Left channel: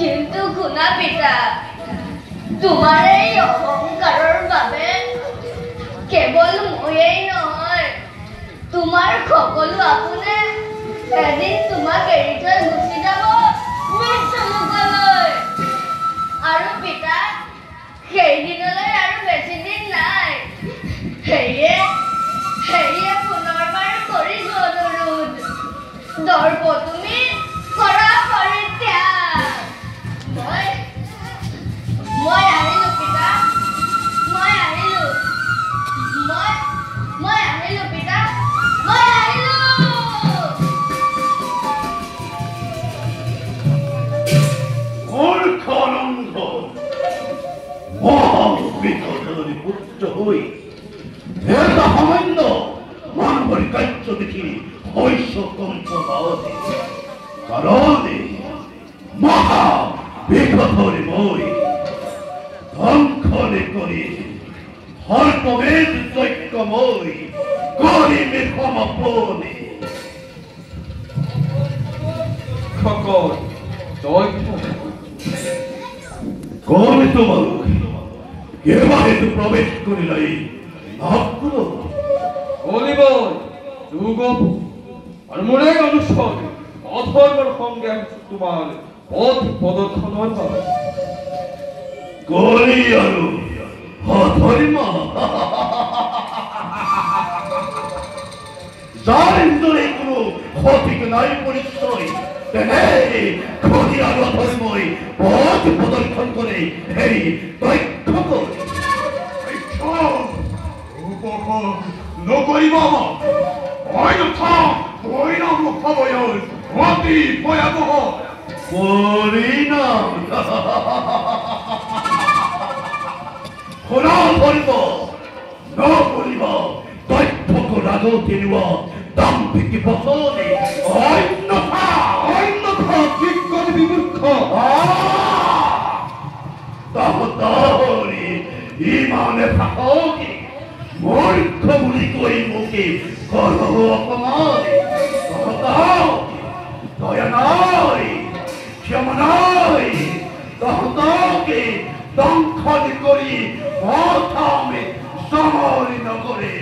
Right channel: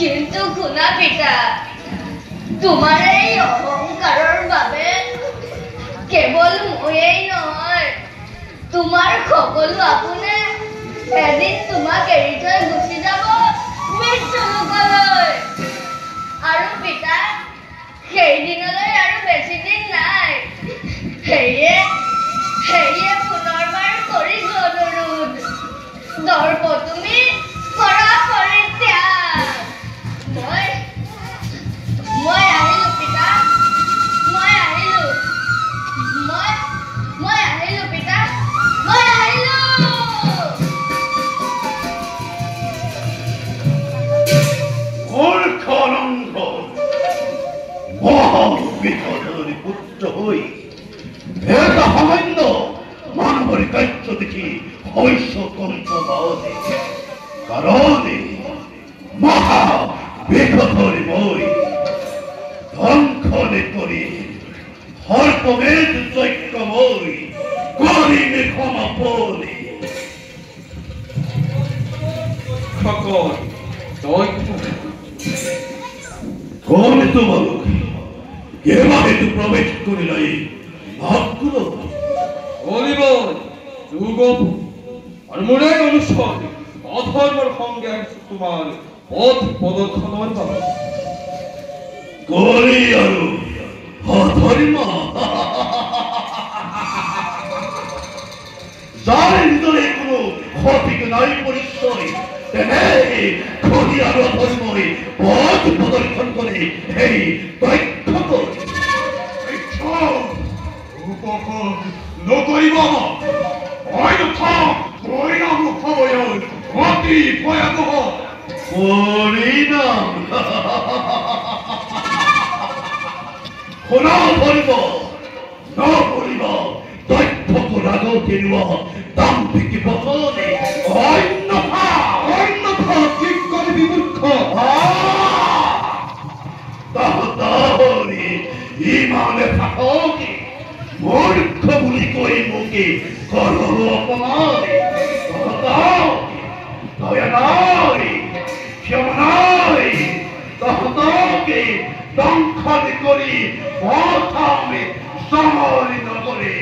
কিন্তু শুনা পিতা, তোমাৰ এই অহংকাৰৰ বাবে কেৱল ময়েই নহয়, তোমাৰ সকলো আপোনে এদিন তোমাক এৰি থৈ গুচি যাব মৃত্যু মুখলৈ। আৰু পিতা, সেইদিনলৈ আৰু বেছি দিন নাই। সেয়ে পুনৰবাৰ কৰিছো অনুৰোধ, দৰ্প তুমি কৰা পৰিত্যাগ। মই আহিলো পিতা, মই আহিলো পিতা, মই আহিলো। মহাবিধি পুত্র হই এটা সামান্য মানবর কার্য দেখি হইস কম্প পাওয়া কারণে মহা বিপদর বই ধ্বংসরে করি হরকমের চৈক্যময় গরিবে ক্ষমাপনে সকল কোন তোমার এভাবে তো প্রবেশ করিলাই ভাগ্য অনিবল যুগ আর মনে অনুসরণ অধর্মর সঙ্গে আমি তোমার পথ প্রদক্ষণ করি আর অধর্ম যার ভিতরে কোনো ক্ষতি নাই পরিচয় ক্ষতি আর অধর্মই পথ প্রদর্শন করে এই তথ্য নকরিব অন্যথা ভয়াবহ ভয়াবহ অতি ভয়াবহ পরিণাম খোলা করিব নকরিব তথ্য রাজনীতির দাম্ভিক বসনে অন্যথা বিজ্ঞান বিমূর্খ তাহলে ইমানে থাকি মূর্খ বলি কই মুখে করো অপমানে দয়া নাই ক্ষমা নাই তাহলে দংশন করি অথামে সমরি নগরে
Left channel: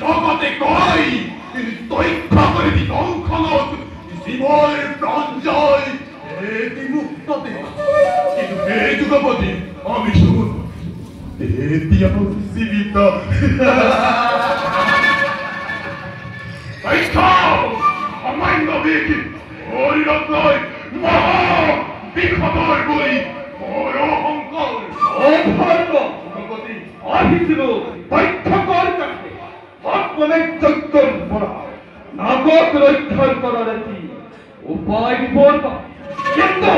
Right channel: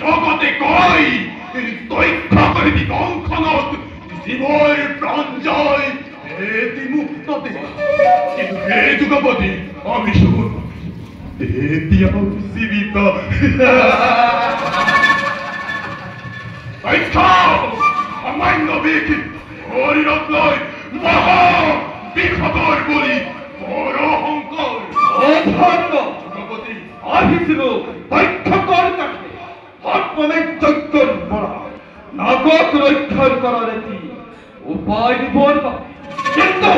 জগতে কই তুই প্রকৃতি দংশনত জীবর প্রাণ জয় এটি মুক্ততে কিন্তু এই যুগপতি আমি শুন এটি আমার জীবিত সামান্য বেশি হরিরত নয় মহা বিখদর বলি বড় অহংকার অধর্ম যুগপতি আহিছিল তথ্যকর কাছে অর্পণের যজ্ঞ করা নাগক রক্ষণ করার একটি উপায় বিবর কিন্তু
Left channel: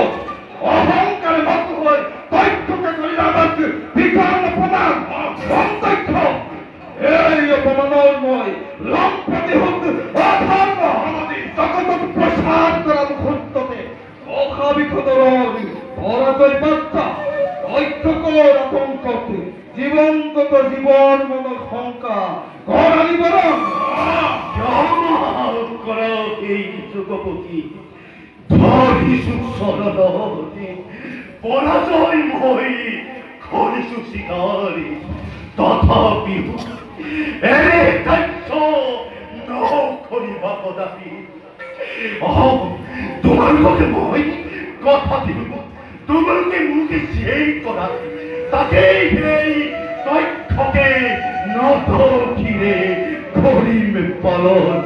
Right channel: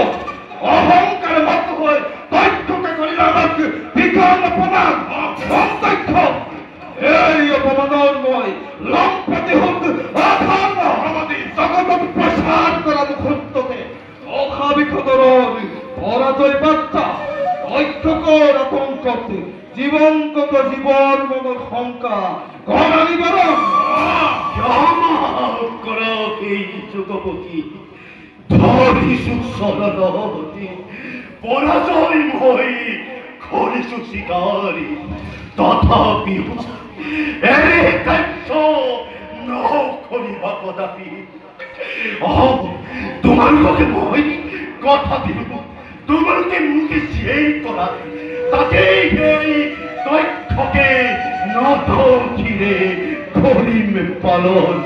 অহংকার মত হয় তথ্যকে করিলে আমাকে বিজ্ঞান অপমান অতথ্য এই অপমানময় লম্পতি হত অধর্ম আমাদের জগৎ প্রসার করা মুহূর্তকে অভাবিকতর পরাজয় বার্তা তথ্যকর আতঙ্কতে জীবনগত জীবন মন শঙ্কা করা নিবারণ করো এই যুগপতি ধরিছু সরদী পরাজয় মই করিছু শিকারী তথাপি এরে কাক্ষ ন করিবা কদাপি তোমালোকে মই কথা দিব তোমালোকে মুখে যেই করা তাকেই সেই তথ্যকে নদীরে করিম পালন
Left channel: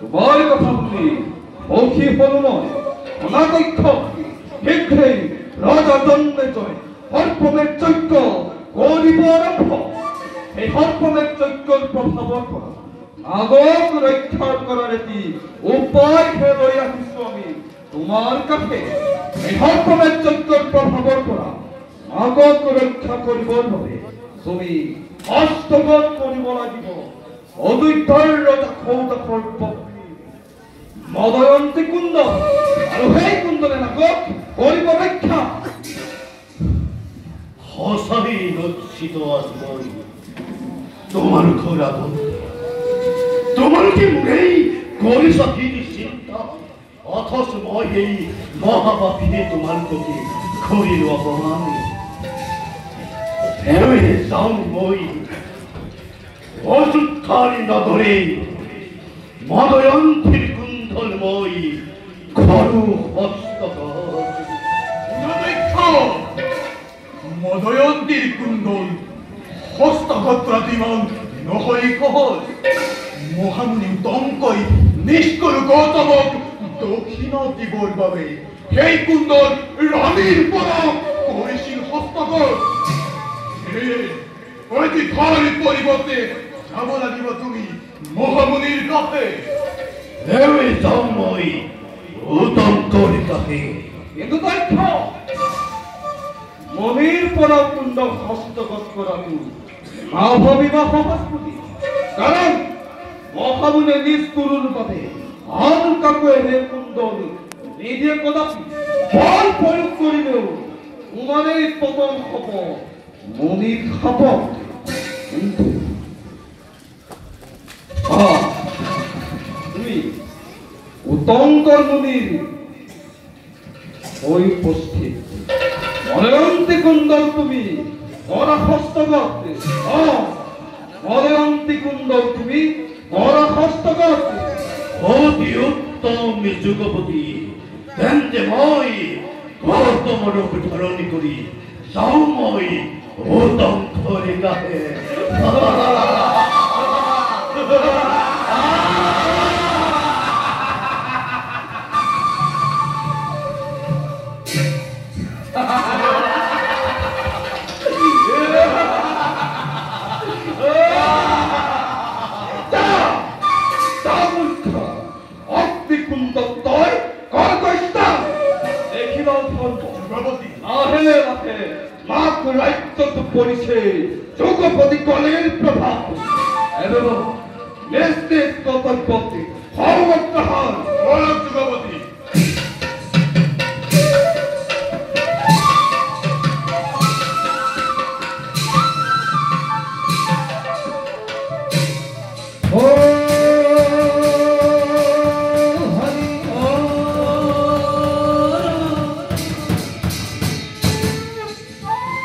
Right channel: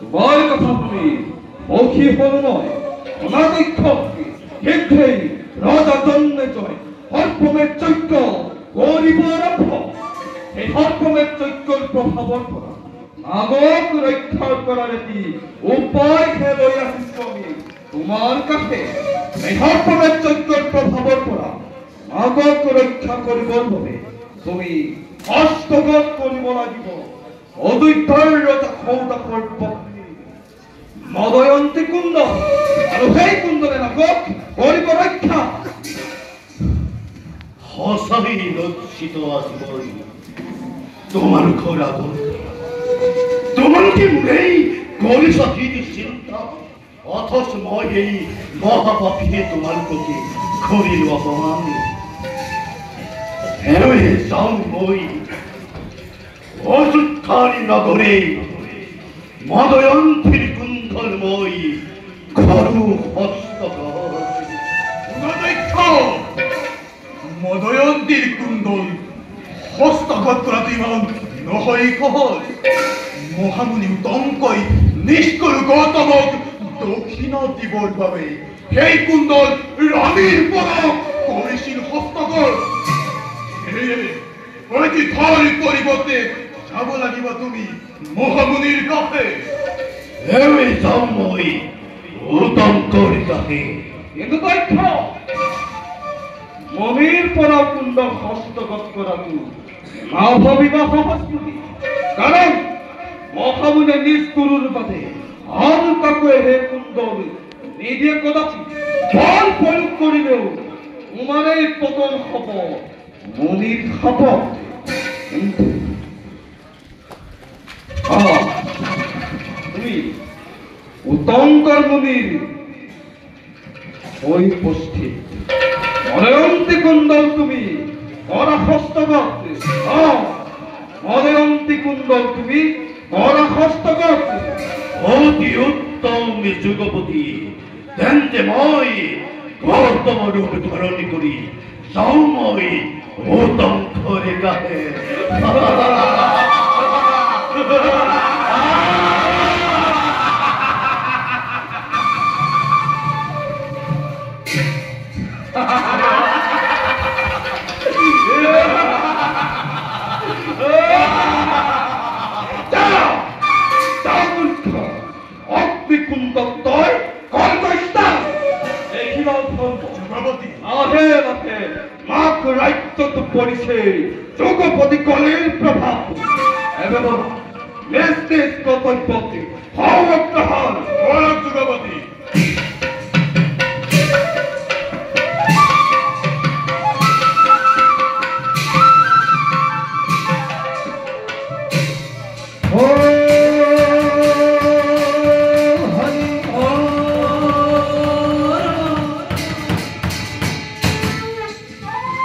তোমার কথা শুনি মৌখী হল নয় অনাদক্ষ শীঘ্রেই রাজা জন্মে জয় হরপমের যজ্ঞ গরিব আরম্ভ এই হরপমের যজ্ঞর প্রভাবর করা আগত রক্ষা করার একটি উপায় খেয়ে রাখিস আমি তোমার কাছে এই হরপমের যজ্ঞর প্রভাবর করা আগত রক্ষা করিবার হবে তুমি হস্তগত করিব লাগিব অদ্বৈতার্যতা ক্ষমতা করব মদয়ন্তী কুণ্ড আর সেই কুণ্ডলে নাগত করিব রক্ষা হসাই লজ্জিত আসবই তোমার ঘোরা বন্ধু তোমার কি নেই করিস কি চিন্তা অথচ মই এই মহাপাপীতে তোমার প্রতি করিল অপমান এরবে যাও মই অযোধ্যারি নগরে মদয়ন্তীর কুণ্ডলময় করু হস্তগত মদয়ন্তীর কুণ্ডল হস্তগত রাতিমান নহই কহল মহামুনি উত্তমকৈ নিষ্কৰু গৌতমক দক্ষিণ দিবৰ বাবে সেই কুণ্ডল ৰাণীৰ পদক কৰিছিল হস্তগত প্ৰতিথাৰ পৰিৱৰ্তে যাব লাগিব তুমি মহামুনিৰ কাষে এরবে যাও মই উত্তম তাকে কিন্তু তথ্য মমির পরা কুণ্ড হস্তগত করাকু না ভাবিবা সহস্পতি কারণ মহামুনে নিজ গুরুর পথে আন কাকু হে কুণ্ডল নিজে কদাপি বল প্রয়োগ করিলেও তোমারই পতন হব মনির খাব তুমি উত্তঙ্কর মুনির ওই উপস্থিত মদয়ন্তী কুণ্ডল তুমি কর হস্তগত মদয়ন্তী কুণ্ডল তুমি কর হস্তগত অতি উত্তম যুগপতি তেন্তে মই গৌতম রূপ ধারণ করি যাও মই উত্তম করে গাহে যুগপতি কলের প্রভাব এবং নেস্তে কর্তব্যকে হওয়া যুগপতি